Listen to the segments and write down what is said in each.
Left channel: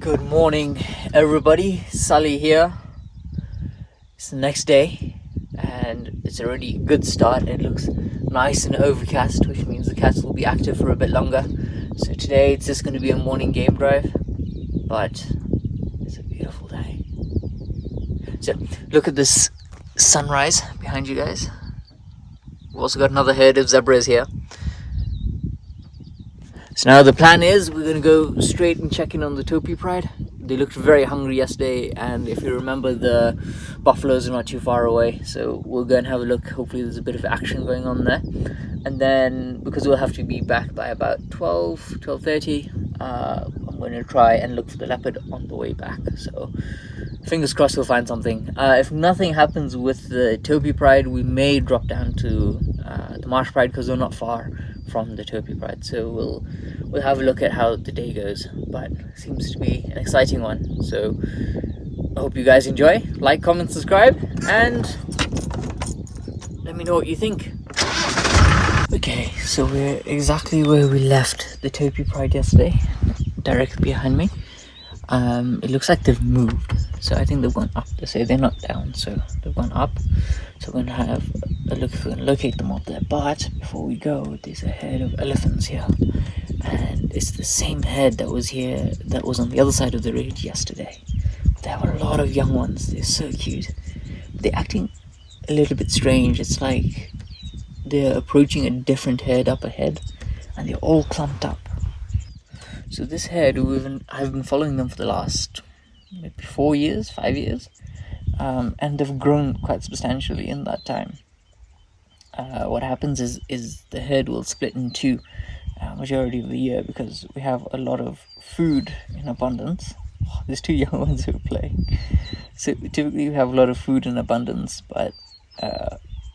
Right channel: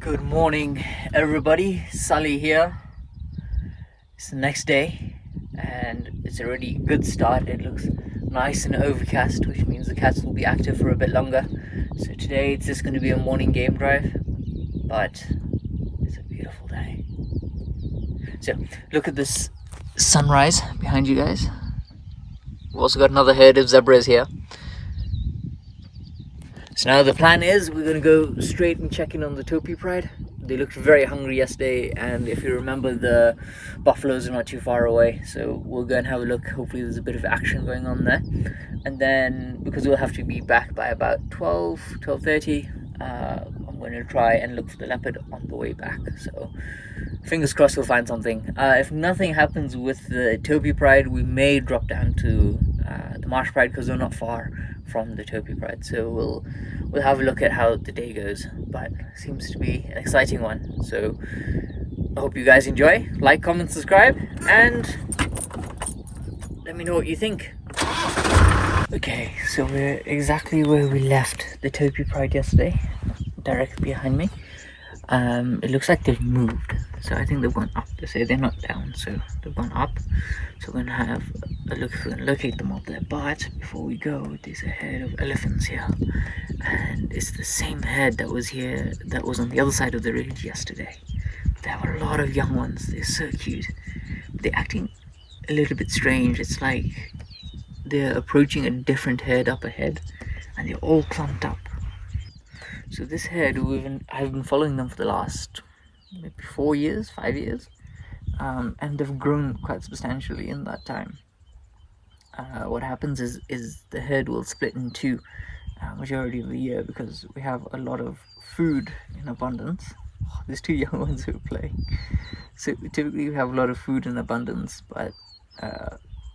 Good morning, everybody. Sully here. It's the next day, and it's already a good start. It looks nice and overcast, which means the cats will be active for a bit longer. So today it's just going to be a morning game drive, but it's a beautiful day. So look at this sunrise behind you guys. We've also got another herd of zebras here. So now the plan is we're going to go straight and check in on the Topi pride. They looked very hungry yesterday, and if you remember, the buffaloes are not too far away, so we'll go and have a look. Hopefully there's a bit of action going on there. And then, because we'll have to be back by about 12:30, I'm going to try and look for the leopard on the way back. So fingers crossed we'll find something. If nothing happens with the Topi pride, we may drop down to the marsh pride, because they're not far from the Topi pride. So we'll have a look at how the day goes, but it seems to be an exciting one. So I hope you guys enjoy. Like, comment, subscribe, and let me know what you think. Okay, so we're exactly where we left the Topi pride yesterday, directly behind me. It looks like they've moved, so I think they've gone up. They say they're not down, so they've gone up. So we're gonna have a look if we can locate them up there. But before we go, there's a herd of elephants here, and it's the same herd that was here, that was on the other side of the road yesterday. They have a lot of young ones. They're so cute. They're acting a little bit strange. It's like they're approaching a different herd up ahead, and they're all clumped up. So this herd, I've been following them for the last maybe 4 years, 5 years, and they've grown quite substantially in that time. What happens is the herd will split in two majority of the year, because we have a lot of food in abundance. Oh, there's two young ones who are playing. So typically we have a lot of food in abundance, but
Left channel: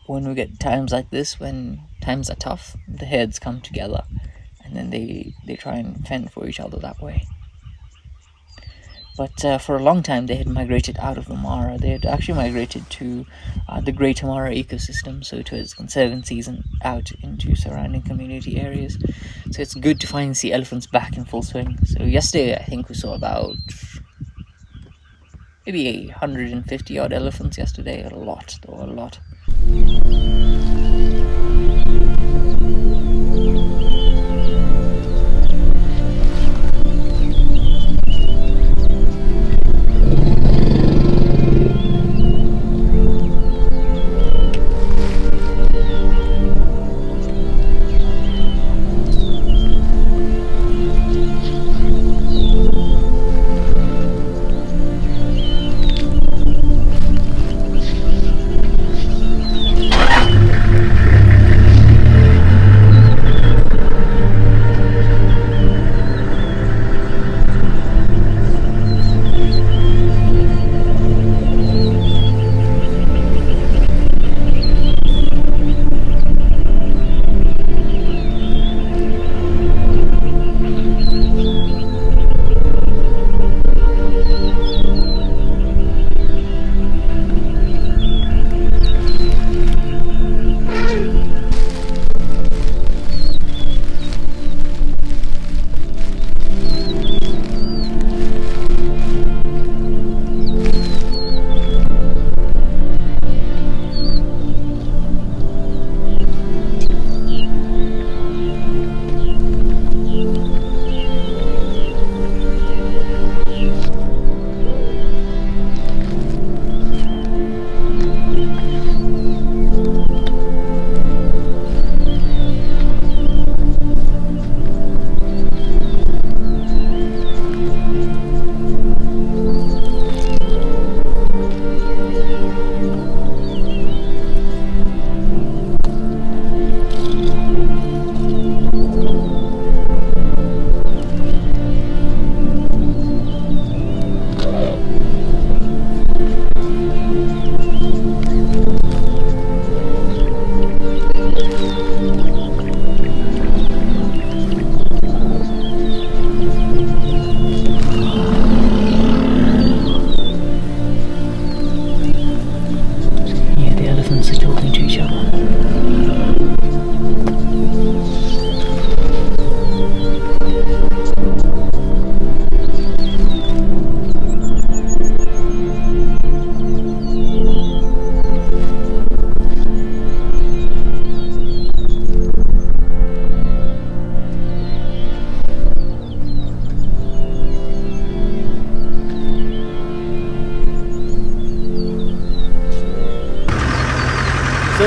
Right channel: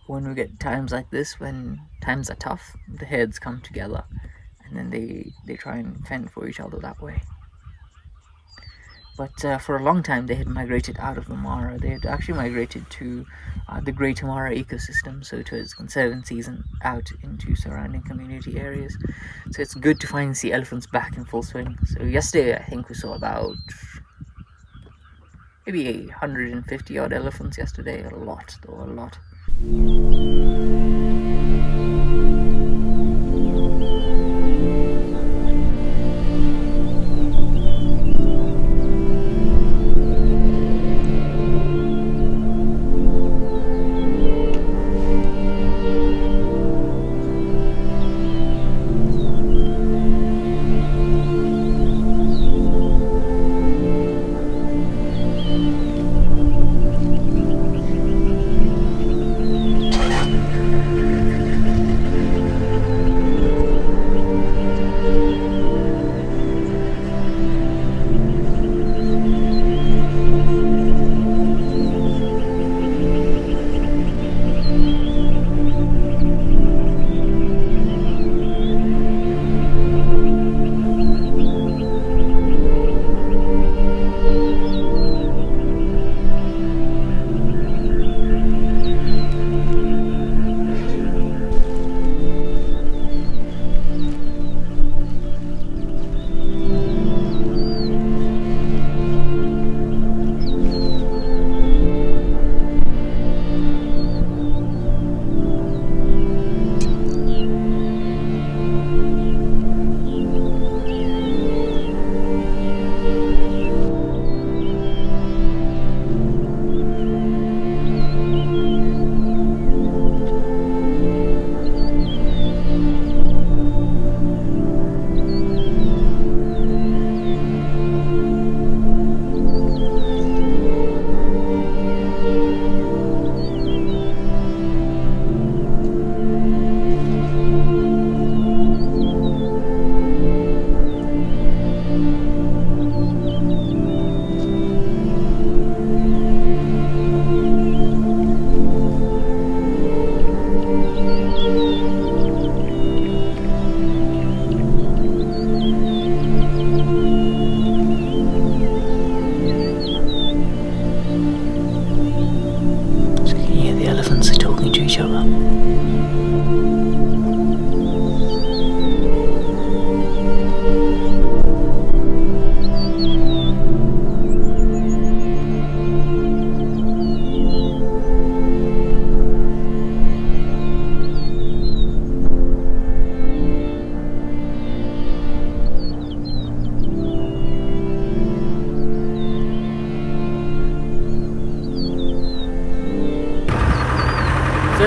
when we get times like this, when times are tough, the herds come together, and then they try and fend for each other that way. But for a long time they had migrated out of the Mara. They had actually migrated to the Greater Mara ecosystem, so towards conservancies and out into surrounding community areas. So it's good to finally see elephants back in full swing. So yesterday I think we saw about maybe 150 odd elephants yesterday. A lot, though, a lot.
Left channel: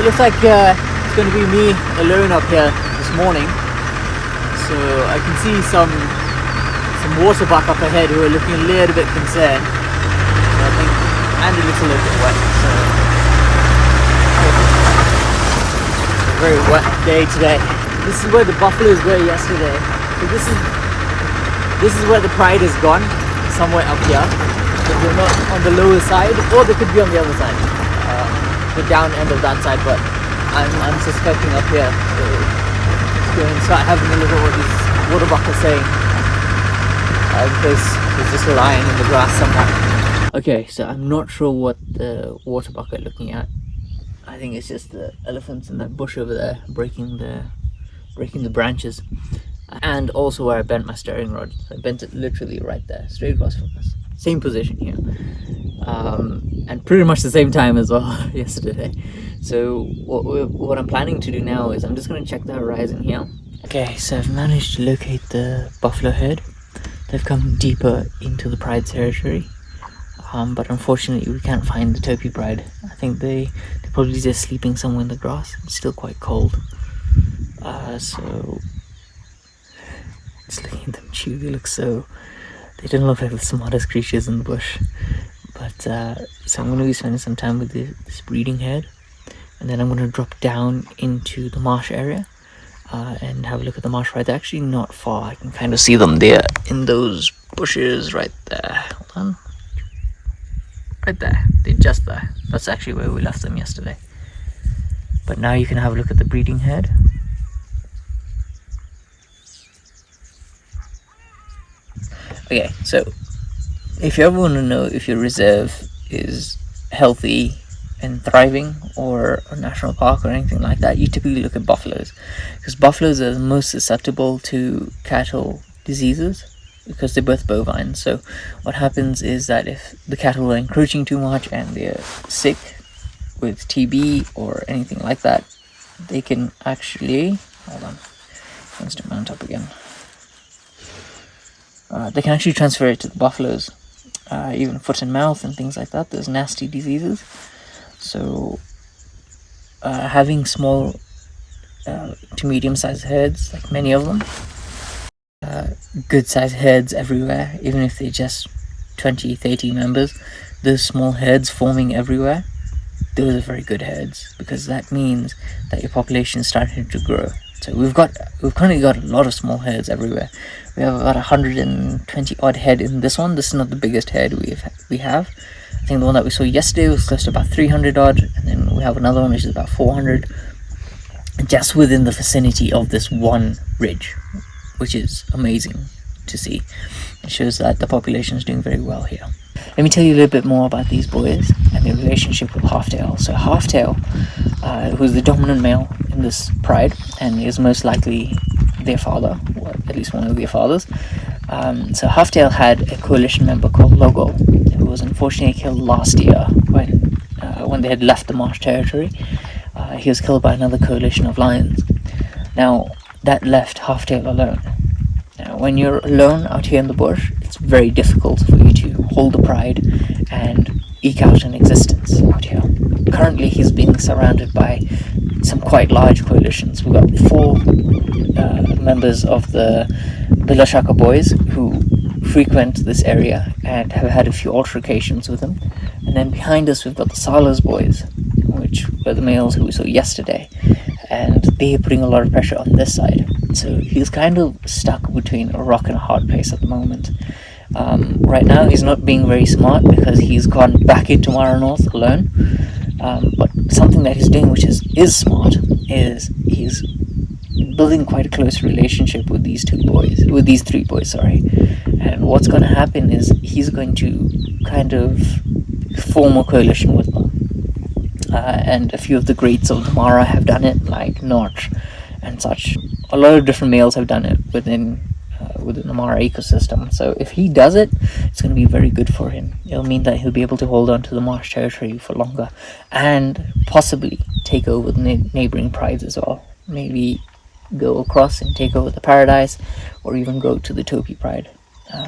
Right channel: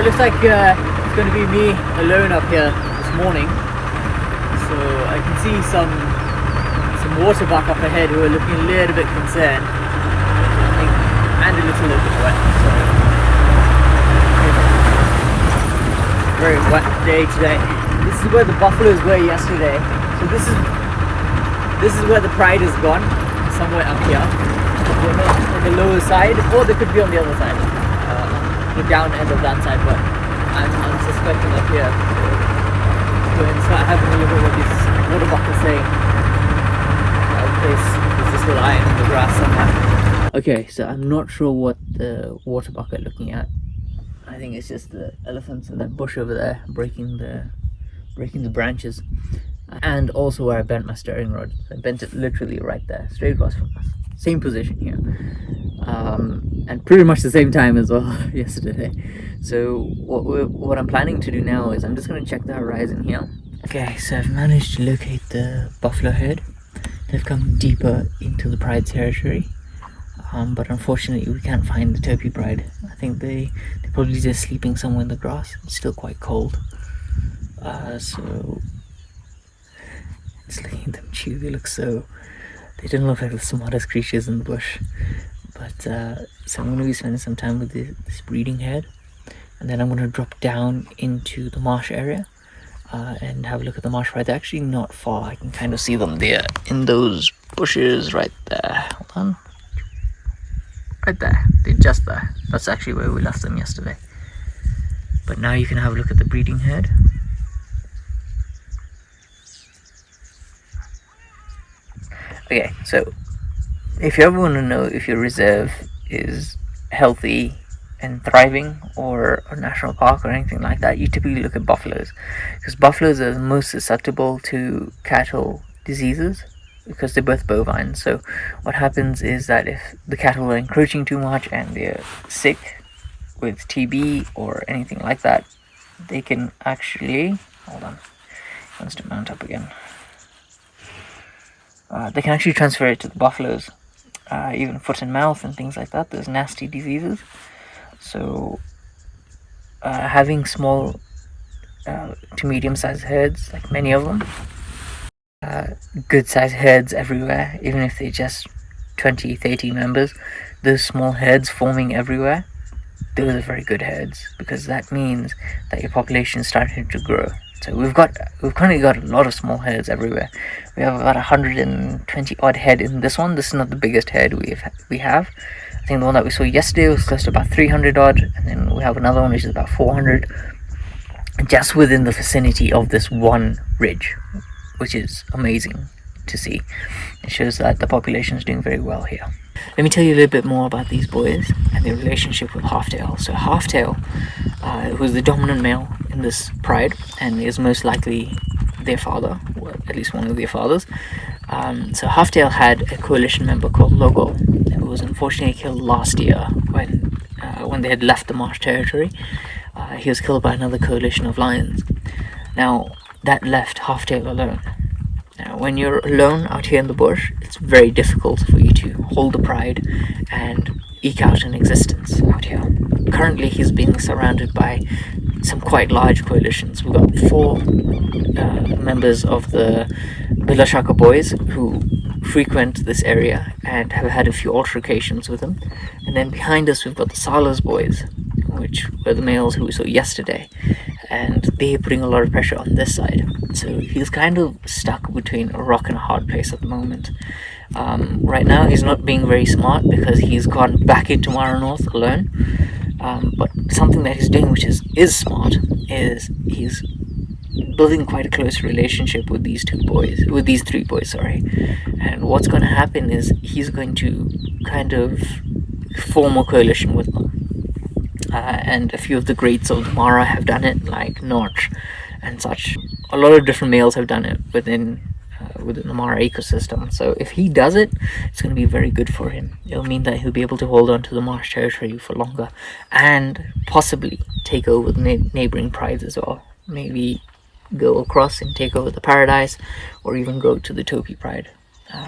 So it looks like it's going to be me alone up here this morning. So I can see some waterbuck up ahead who are looking a little bit concerned. So I think, and a little bit wet. So it's a very wet day today. This is where the buffaloes were yesterday. So this is where the pride has gone, somewhere up here. So we're not on the lower side, or they could be on the other side, the down end of that side. But I'm suspecting up here. So let's go and start having a look at what this waterbuck is saying. In case there's just a lion in the grass somewhere. Okay, so I'm not sure what the waterbuck are looking at. I think it's just the elephants in that bush over there breaking the branches. And also where I bent my steering rod. I bent it literally right there, straight across from us. Same position here. And pretty much the same time as well yesterday. So what I'm planning to do now is I'm just going to check the horizon here. Okay, so I've managed to locate the buffalo herd. They've come deeper into the pride territory. But unfortunately we can't find the Topi pride. I think they're probably just sleeping somewhere in the grass. It's still quite cold. So just looking at them chew, they don't look like the smartest creatures in the bush. But so I'm going to be spending some time with this breeding herd, and then I'm going to drop down into the marsh area and have a look at the marsh pride. They're actually not far. I can kind of see them there in those bushes right there. Hold on. Right there. They're just there. That's actually where we left them yesterday. But now you can have a look at the breeding herd. Okay, so if you ever want to know if your reserve is healthy and thriving, or a national park or anything like that, you typically look at buffaloes, because buffaloes are the most susceptible to cattle diseases because they're both bovine. So what happens is that if the cattle are encroaching too much and they're sick with TB or anything like that, they can actually, hold on, it wants to mount up again. They can actually transfer it to the buffaloes, even foot and mouth and things like that, those nasty diseases. So having small to medium-sized herds, like many of them, good-sized herds everywhere, even if they're just 20-30 members, those small herds forming everywhere, those are very good herds, because that means that your population is starting to grow. So we've currently got a lot of small herds everywhere. We have about 120 odd head in this one. This is not the biggest herd we have. I think the one that we saw yesterday was close to about 300 odd, and then we have another one which is about 400, just within the vicinity of this one ridge, which is amazing to see. It shows that the population is doing very well here. Let me tell you a little bit more about these boys and their relationship with Halftail. So Halftail, who's the dominant male in this pride and is most likely their father, or at least one of their fathers. So Halftail had a coalition member called Logo, who was unfortunately killed last year when they had left the marsh territory. He was killed by another coalition of lions. Now that left Halftail alone. Now, when you're alone out here in the bush, it's very difficult for you to hold the pride and eke out an existence out here. Currently, he's being surrounded by some quite large coalitions. We've got 4 members of the Bilashaka boys who frequent this area and have had a few altercations with him. And then behind us, we've got the Salas boys, which were the males who we saw yesterday. And they're putting a lot of pressure on this side. So he's kind of stuck between a rock and a hard place at the moment. Right now he's not being very smart because he's gone back into Mara North alone. But something that he's doing which is smart is he's building quite a close relationship with these 3 boys, sorry. And what's going to happen is he's going to kind of form a coalition with them. And a few of the greats of the Mara have done it, like Notch and such. A lot of different males have done it within the Mara ecosystem. So if he does it, it's going to be very good for him. It'll mean that he'll be able to hold on to the marsh territory for longer and possibly take over the neighboring prides as well. Maybe go across and take over the Paradise, or even go to the Topi pride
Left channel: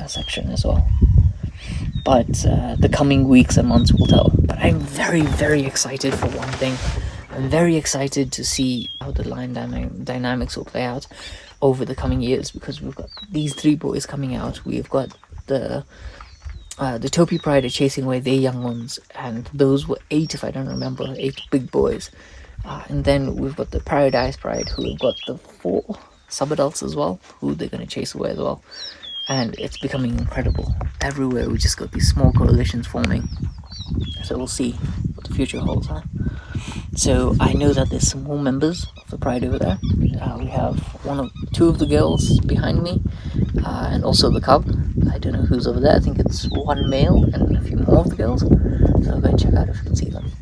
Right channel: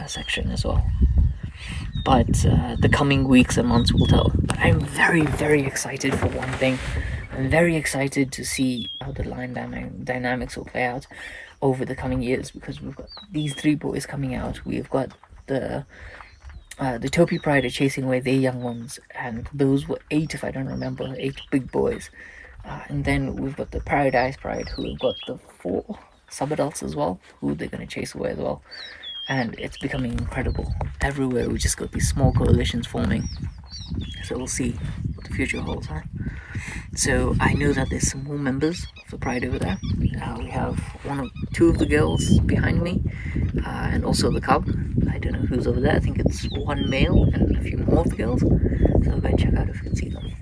section as well. But the coming weeks and months will tell. But I'm very, very excited for one thing. I'm very excited to see how the line dynamics will play out over the coming years, because we've got these 3 boys coming out. We've got the Topi Pride are chasing away their young ones, and those were 8, if I don't remember, 8 big boys. And then we've got the Paradise Pride, who have got the 4 sub-adults as well, who they're going to chase away as well. And it's becoming incredible. Everywhere we just got these small coalitions forming. So we'll see what the future holds, huh? So I know that there's some more members of the Pride over there. We have 2 of the girls behind me, and also the cub. I don't know who's over there. I think it's 1 male and a few more of the girls. So I'll go and check out if we can see them.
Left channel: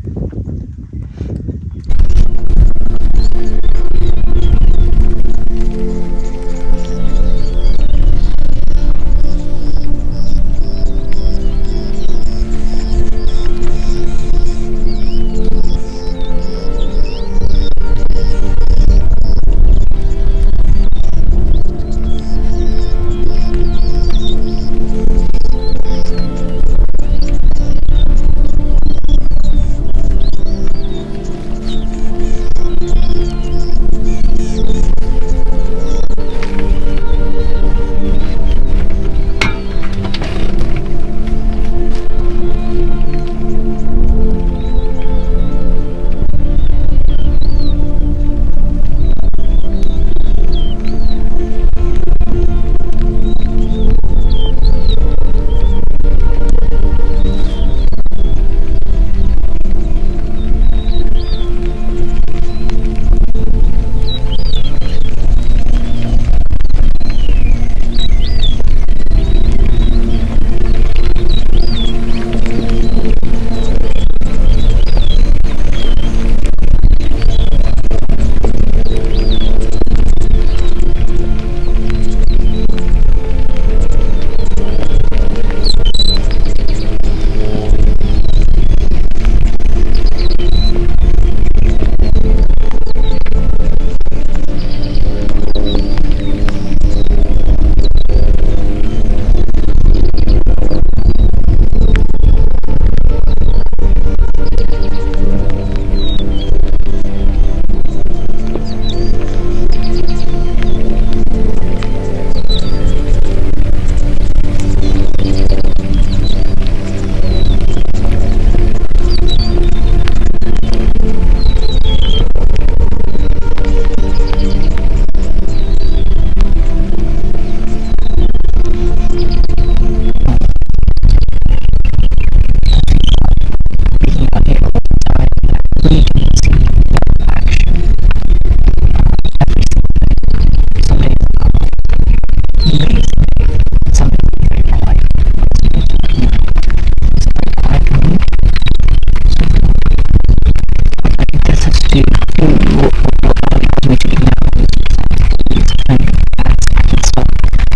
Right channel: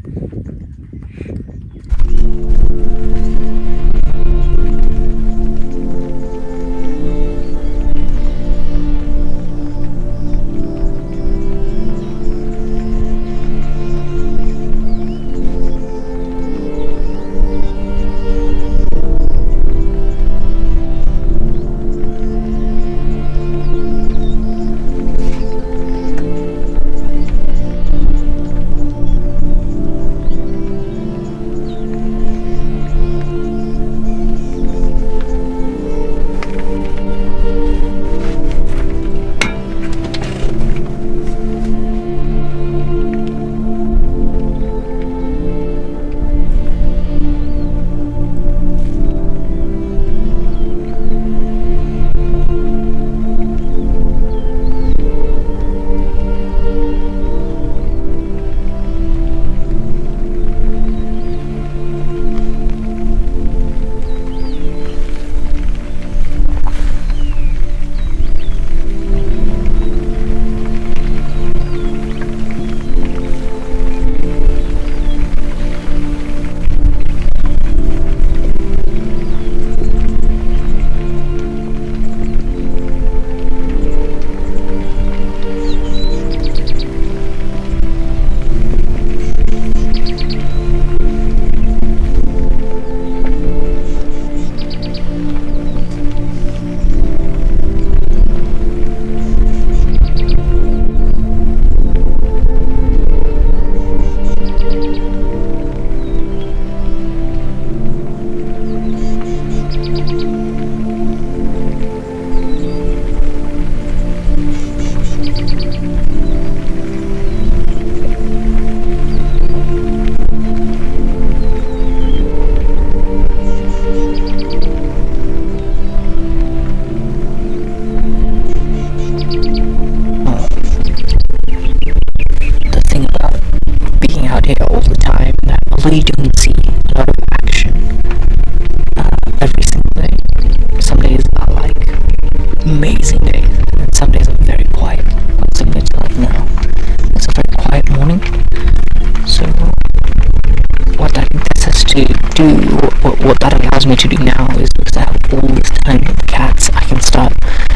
What that allows me to do now is, because I have all this time with the cats, I can start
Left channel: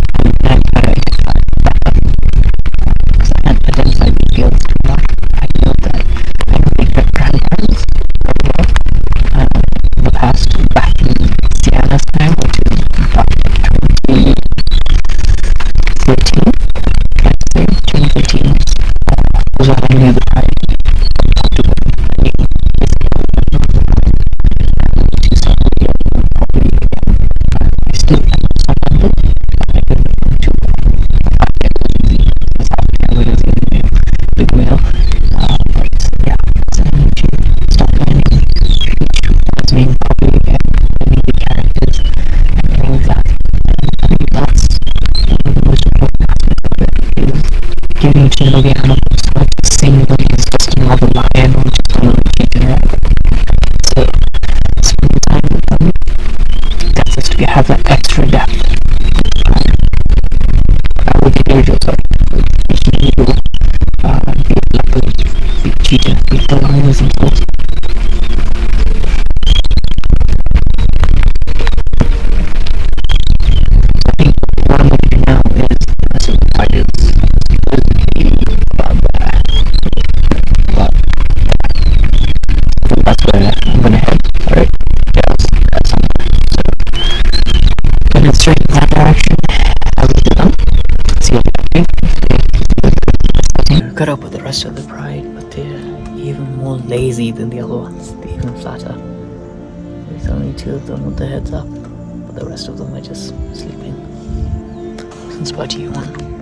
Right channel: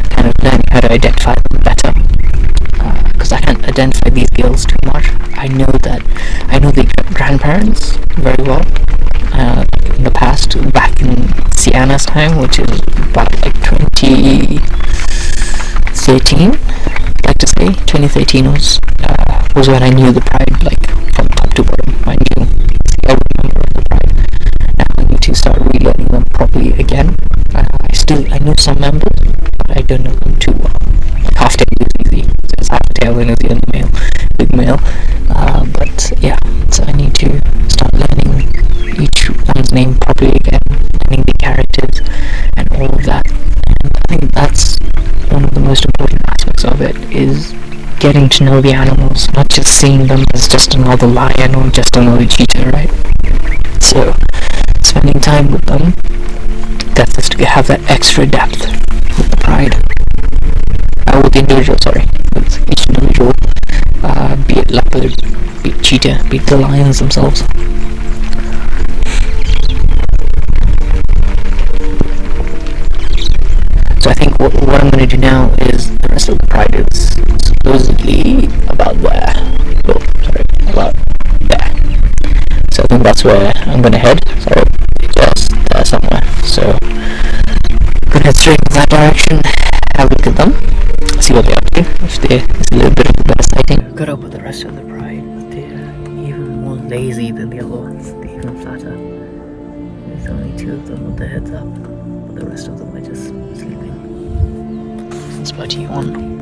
kind of learning how to identify them better, because I can't identify these girls too much. I know the grandparents very well. In the past, back in Sienna's time, which is about like 2013, I'd like to say 2013 was when I knew the Pride, like from top to bottom. I knew basically every member of the Pride. Now I need to start relearning them properly again. I know some members, but I don't know them too well. Like Half-Tail is easy. There's Half-Tail and the male, big male. But yeah, so I need to start learning each one's name properly again, learning the characters and all of that. And I think that's one of the most important aspects of it, is getting to know the animals, not just seeing them as just another lion or just another cheetah, right? So spending time with them, that's just to have that extra depth with the Pride, with the individual, with each individual, be it leopard, be it cheetah, be it the lions themselves. So I think what I'm going to do now is, the rest of the Pride is supposedly about there. So I think that's where I'm going to head, just there somewhere. So I'm going to head straight in that direction, have a look at them, see what they're up to, if there's a little bit of better sighting. Got up with the rest of the Pride, but they're even more lazy than the other ones. They're even flatter. There's only 2 of them with their heads up, but the rest of them are just sleeping. Since about to yawn.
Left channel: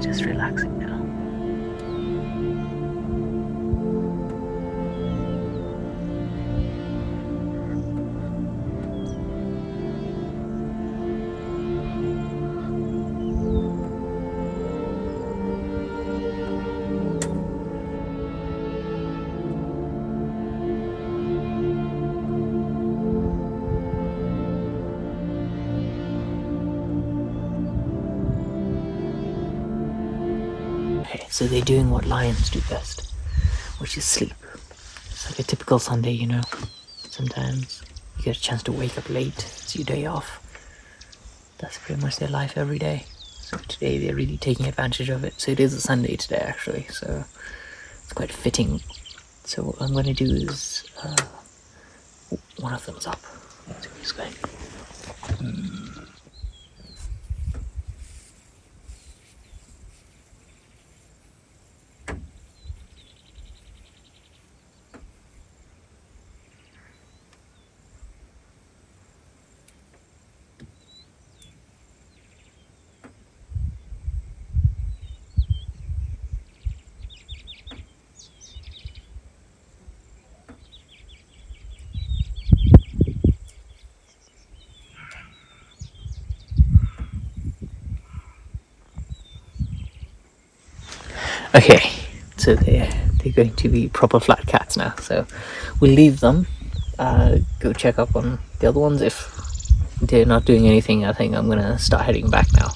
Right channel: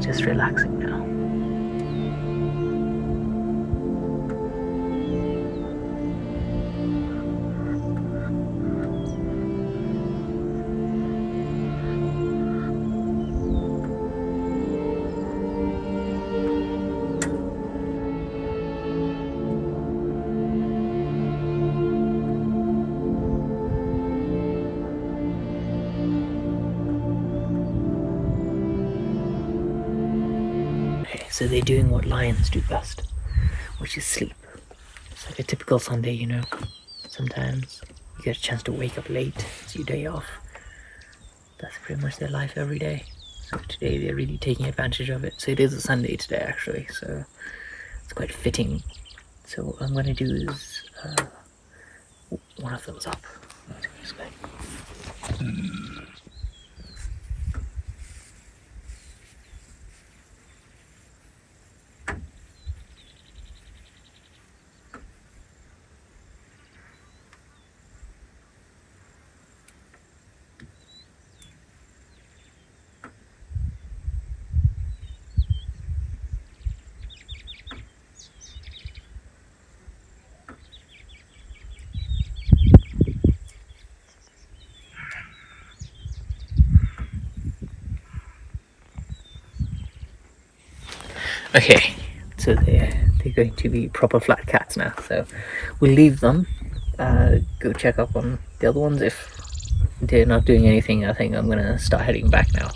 Just relaxing now. So they're doing what lions do best, which is sleep. It's like a typical Sunday, you know. Sometimes you get a chance to wake up late, it's your day off. That's pretty much their life every day. So today they're really taking advantage of it. So it is a Sunday today actually, so it's quite fitting. So what I'm going to do is, one of them's up. So I'm just going. Okay, so they're going to be proper flat cats now, so we'll leave them, go check up on the other ones. If they're not doing anything, I think I'm gonna start heading back now.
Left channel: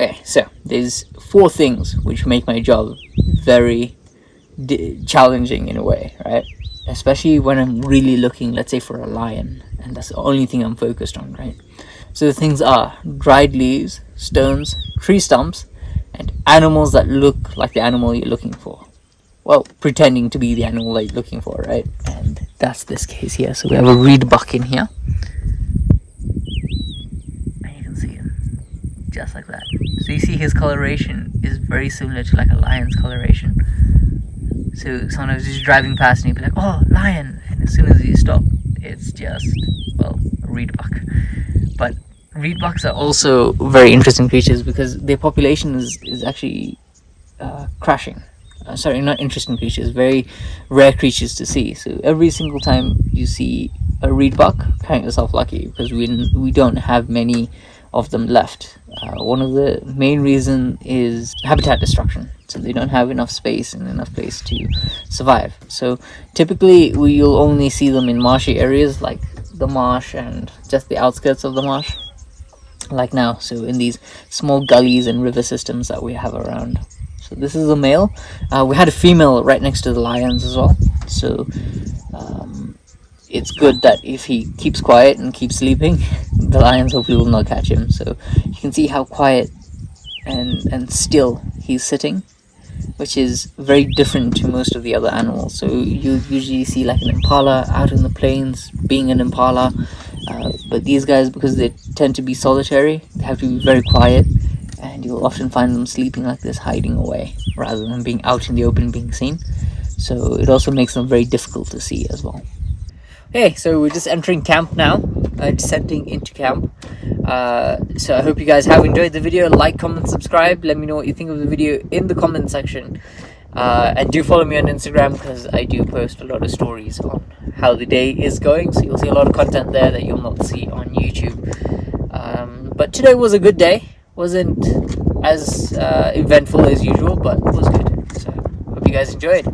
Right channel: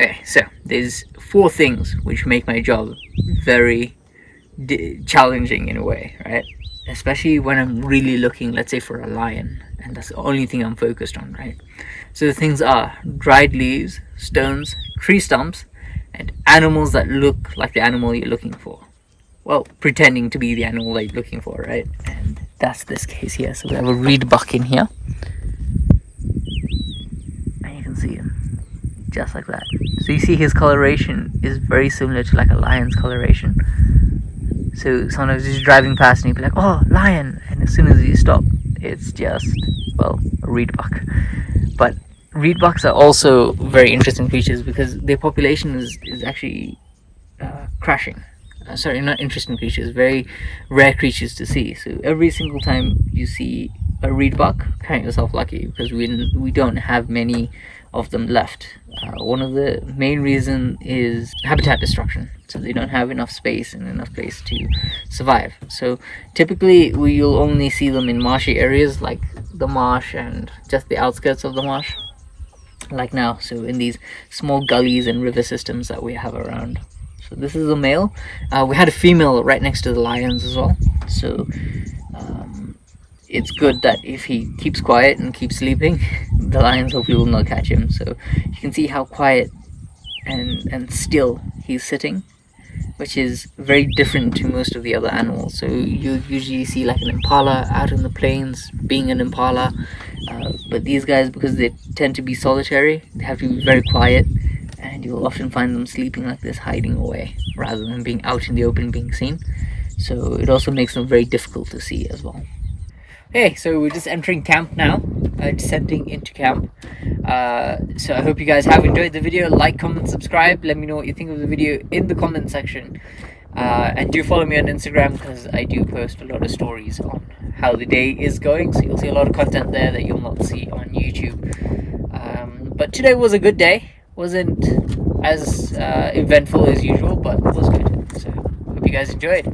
Okay, so there's 4 things which make my job very challenging in a way, right? Especially when I'm really looking, let's say, for a lion, and that's the only thing I'm focused on, right? So the things are dried leaves, stones, tree stumps, and animals that look like the animal you're looking for. Well, pretending to be the animal that you're looking for, right? And that's this case here. So we have a reedbuck in here. And you can see him. Just like that. So you see his coloration is very similar to like a lion's coloration. So sometimes he's driving past and you'll be like, oh, lion! And as soon as you stop, it's just, well, a reedbuck. But reedbucks are also very interesting creatures because their population is actually crashing. Sorry, not interesting creatures, very rare creatures to see. So every single time you see a reedbuck, count yourself lucky because we don't have many of them left. One of the main reasons is habitat destruction. So they don't have enough space and enough place to survive. So typically you'll only see them in marshy areas like the marsh and just the outskirts of the marsh, like now. So in these small gullies and river systems that we have around. So this is a male. We had a female right next to the lions as well. So it's good that if he keeps quiet and keeps sleeping, the lions hopefully will not catch him. So you can see how quiet and still he's sitting, which is very different to most of the other animals. So you usually see like an impala out in the plains being an impala, but these guys, because they tend to be solitary, they have to be very quiet, and you'll often find them sleeping like this, hiding away rather than being out in the open being seen. So it also makes them very difficult to see as well. Okay, so we're just entering camp now, descending into camp. So I hope you guys have enjoyed the video. Like, comment, subscribe. Let me know what you think of the video in the comment section. And do follow me on Instagram because I do post a lot of stories on how the day is going. So you'll see a lot of content there that you'll not see on YouTube. But today was a good day. Wasn't as eventful as usual, but it was good. So hope you guys enjoyed.